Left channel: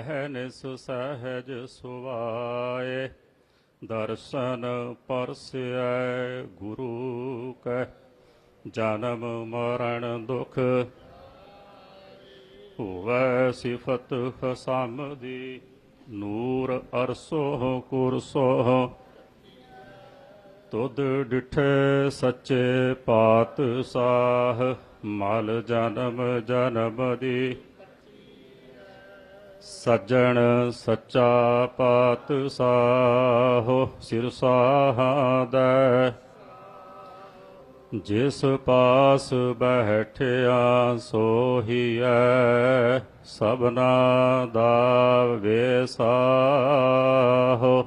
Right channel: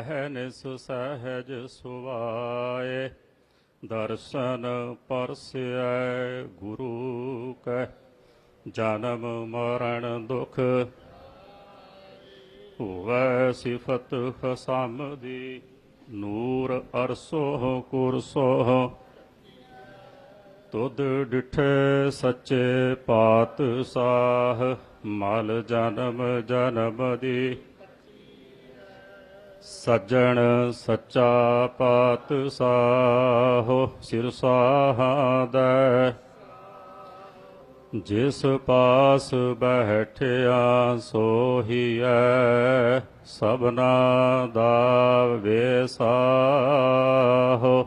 ਅਹਨਿਸ ਸਹਿਜ ਸੁਵਾਏ ਦਰਸ਼ਨ ਪਰਸਿਐ ਗੁਰੂ ਕੈ, ਜਨਮ ਮਰਨ ਦੁਖ ਹੋਵੈ ਸਿਫਤ ਫਸਮਦੀ ਨੂਰ ਅਰਸੋਹ ਕੁਰਸੋ ਤੁਧ ਡਿਠੇ ਸੱਚੇ ਪਾਤ ਸਾਹ, ਮਲ ਜਨਮ ਜਨਮ ਦੀ। ਸੱਜਣ ਸੱਚਾ ਪਾਤਸ਼ਾਹ ਸਿਰ ਸਾਹਦੈ। ਜਿਸ ਪਾਸ ਬੈਠਿਆ ਸੋਹੀਐ ਸਭਨਾ ਦਾ ਵੇਸਾਹ।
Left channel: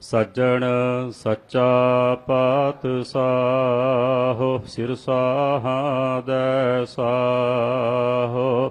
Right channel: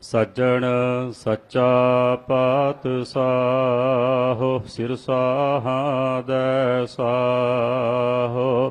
ਸੱਜਣ ਸੱਚਾ ਪਾਤਸ਼ਾਹ ਸਿਰ ਸਾਹਦੈ ਸਾਹ।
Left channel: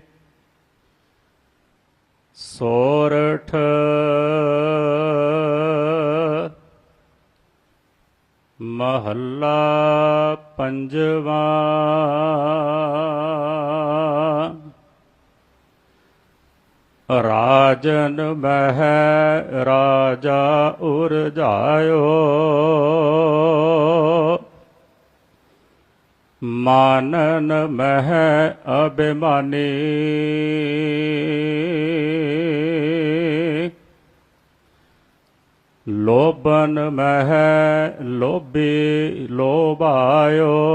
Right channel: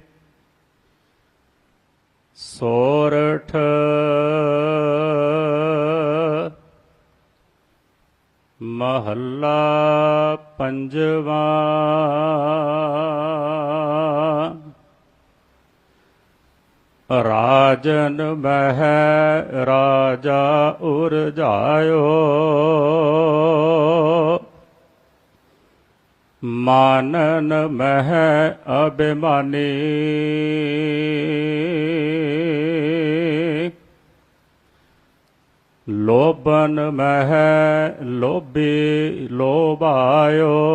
ਸੋਰਠ। ਮਹੱਲਾ ਪੰਜਵਾਂ। ਰਾਜਨ ਮਹਿ ਰਾਜਾ ਉਰਜਾਇਓ। ਮਾਨਨ ਮਹਿ ਅਭਿਮਾਨੀ। ਲੋਭਨ ਮਹਿ ਲੋਭੀ ਲੋਭਾਇਓ।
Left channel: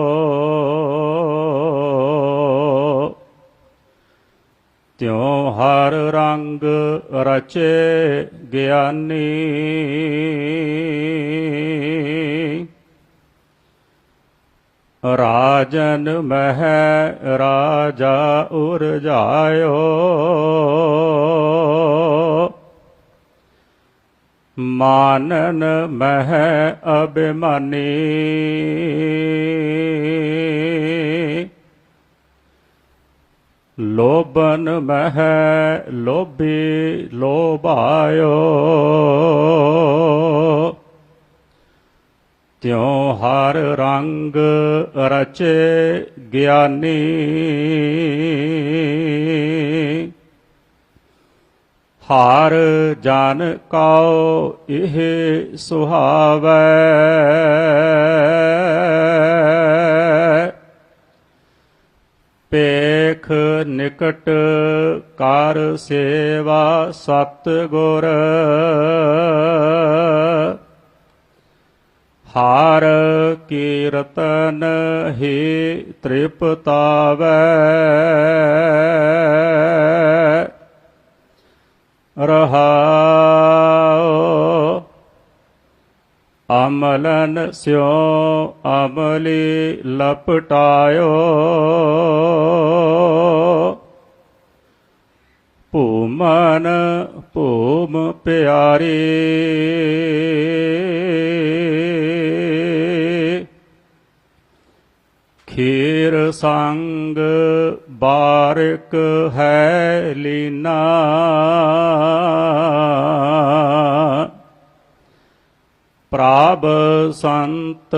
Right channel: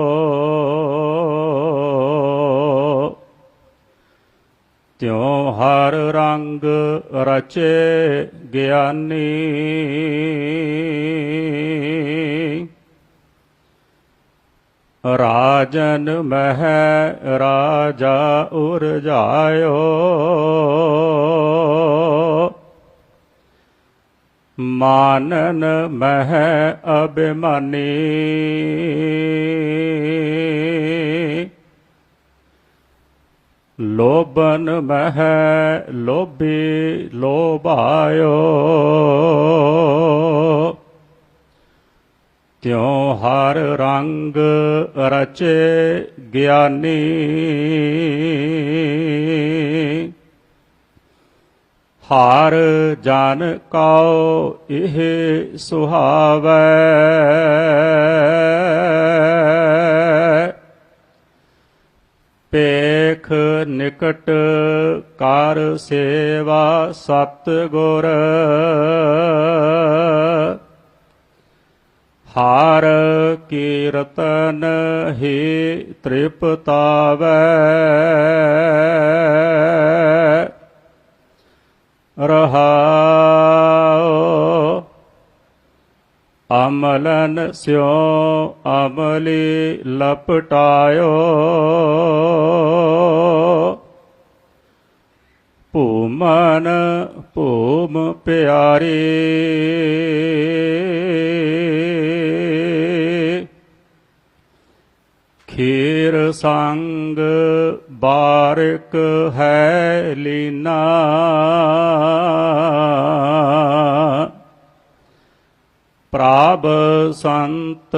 ਤਿਉ ਹਰ ਰੰਗ ਰਚੇ ਗਿਆਨੀ। ਰਾਜਨ ਮਹਿ ਰਾਜਾ ਉਰਜਾਇਓ ਮਾਨਨ ਮਹਿ ਅਭਿਮਾਨੀ। ਲੋਭਨ ਮਹਿ ਲੋਭੀ ਲੋਭਾਇਓ। ਤਿਉ ਹਰ ਰੰਗ ਰਚੇ ਗਿਆਨੀ। ਹਰ ਜਨ ਕਉ ਇਹ ਸੁਹਾਵੈ। ਪੇਖ ਨਿਕਟ ਕਰ ਸੇਵਾ ਸਤ ਗੁਰ ਹਾਰ ਕੀਰਤਨ ਹੀ ਤ੍ਰਿਪਤਾਵੈ? ਰਹਾਉ ਅਮਲਨ ਸਿਉ ਅਮਲੀ ਲਪਟਾਇਓ ਭੂਮਨ ਭੂਮ ਪਿਆਰੀ। ਖੀਰ ਸੰਗ ਬਾਰਕ ਹੈ ਲੀਨਾ। ਪ੍ਰਭ ਸੰਤ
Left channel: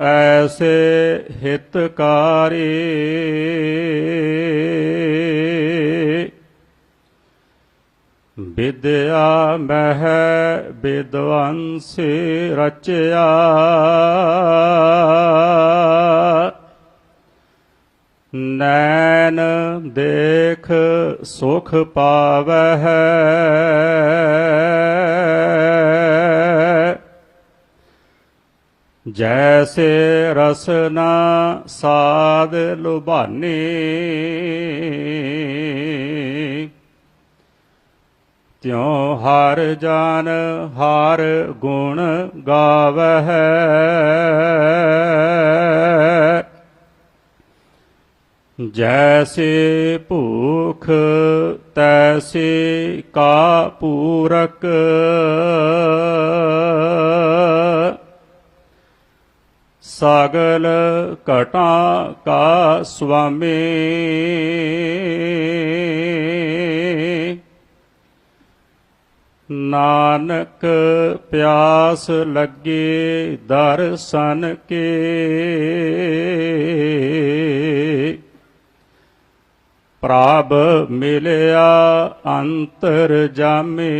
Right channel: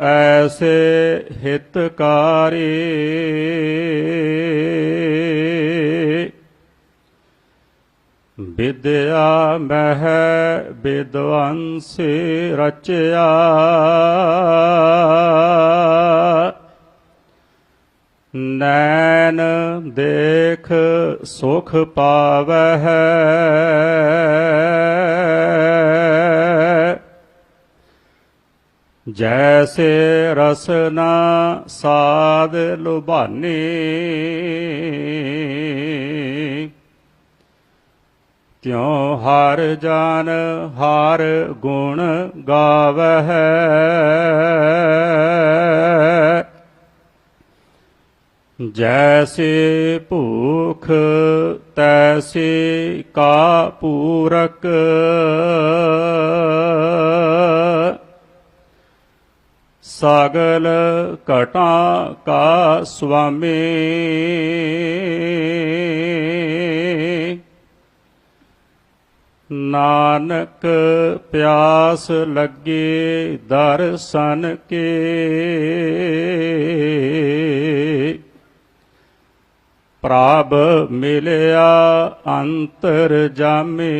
ਐਸੇ ਹਿਤਕਾਰੀ। ਵਿਦਿਆ ਮਹਿ ਵਿਦਵੰਸੀ ਰਚਿਆ। ਨੈਣ ਦੇਖ ਸੁਖ ਪਾਵਹਿ। ਜੈਸੇ ਰਸਨਾ ਸਾਦ ਲੁਭਾਨੀ। ਤਿਉ ਹਰ ਜਾਨ ਹਰ ਗੁਣ ਗਾਵਹਿ। ਜੈਸੇ ਭੂਖ ਤੈਸੇ ਕਾ ਪੂਰਕ। ਸਗਲ ਘਟਾ ਕਾ ਸੁਆਮੀ। ਨਾਨਕ ਪਿਆਸ ਲੱਗੀ ਦਰਸ਼ਨ ਕੇ। ਪ੍ਰਭ ਮਿਲਿਆ ਅੰਤਰ ਜਾਮੇ।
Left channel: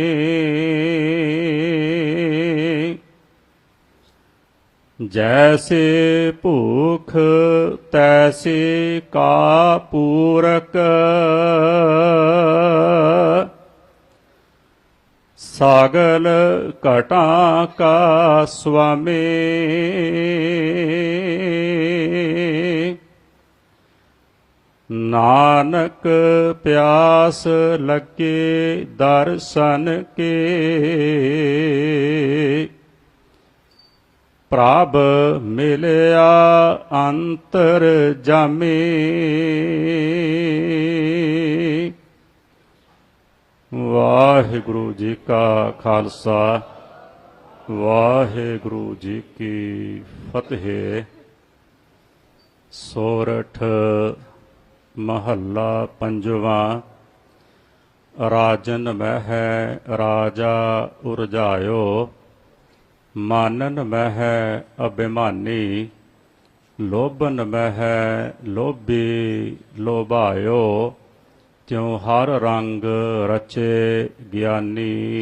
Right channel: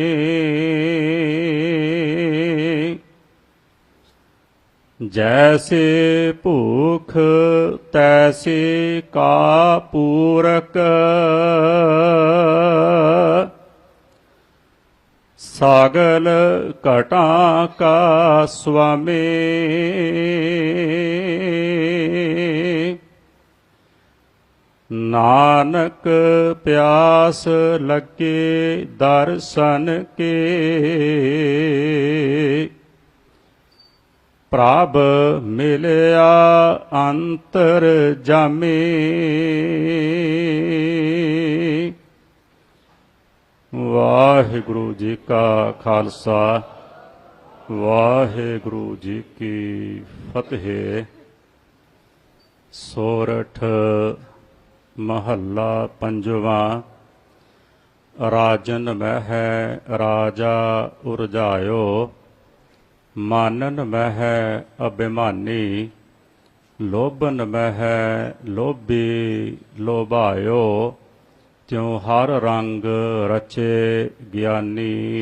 ਜੈਸੇ ਭੂਖ ਤੈਸੇ ਕਾ ਪੂਰਕ। ਸਾਗਲ ਘਟਾ ਕਾ ਸੁਆਮੀ ਨਾਨਕ ਪਿਆਸ ਲੱਗੇ ਦਰਸ਼ਨ ਕੇ। ਪ੍ਰਭ ਮਿਲਿਆ ਅੰਤਰ ਜਾਮੇ। ਵਾਹਿਗੁਰੂ ਜੀ ਕਾ ਖਾਲਸਾ, ਵਾਹਿਗੁਰੂ ਜੀ ਕੀ ਫਤਿਹ। ਸੋਰਠ ਮਹੱਲਾ ਪੰਜਵਾ। ਰਾਜਨ ਮਹਿ ਰਾਜਾ ਉਰਜਾਇਓ, ਮਾਨਨ ਮਹਿ ਅਭਿਮਾਨੀ, ਲੋਭਨ ਮਹਿ ਲੋਭੀ ਲੋਭਾਇਓ, ਤਿਉ ਹਰ ਰੰਗ ਰਚੇ ਗਿਆਨੀ।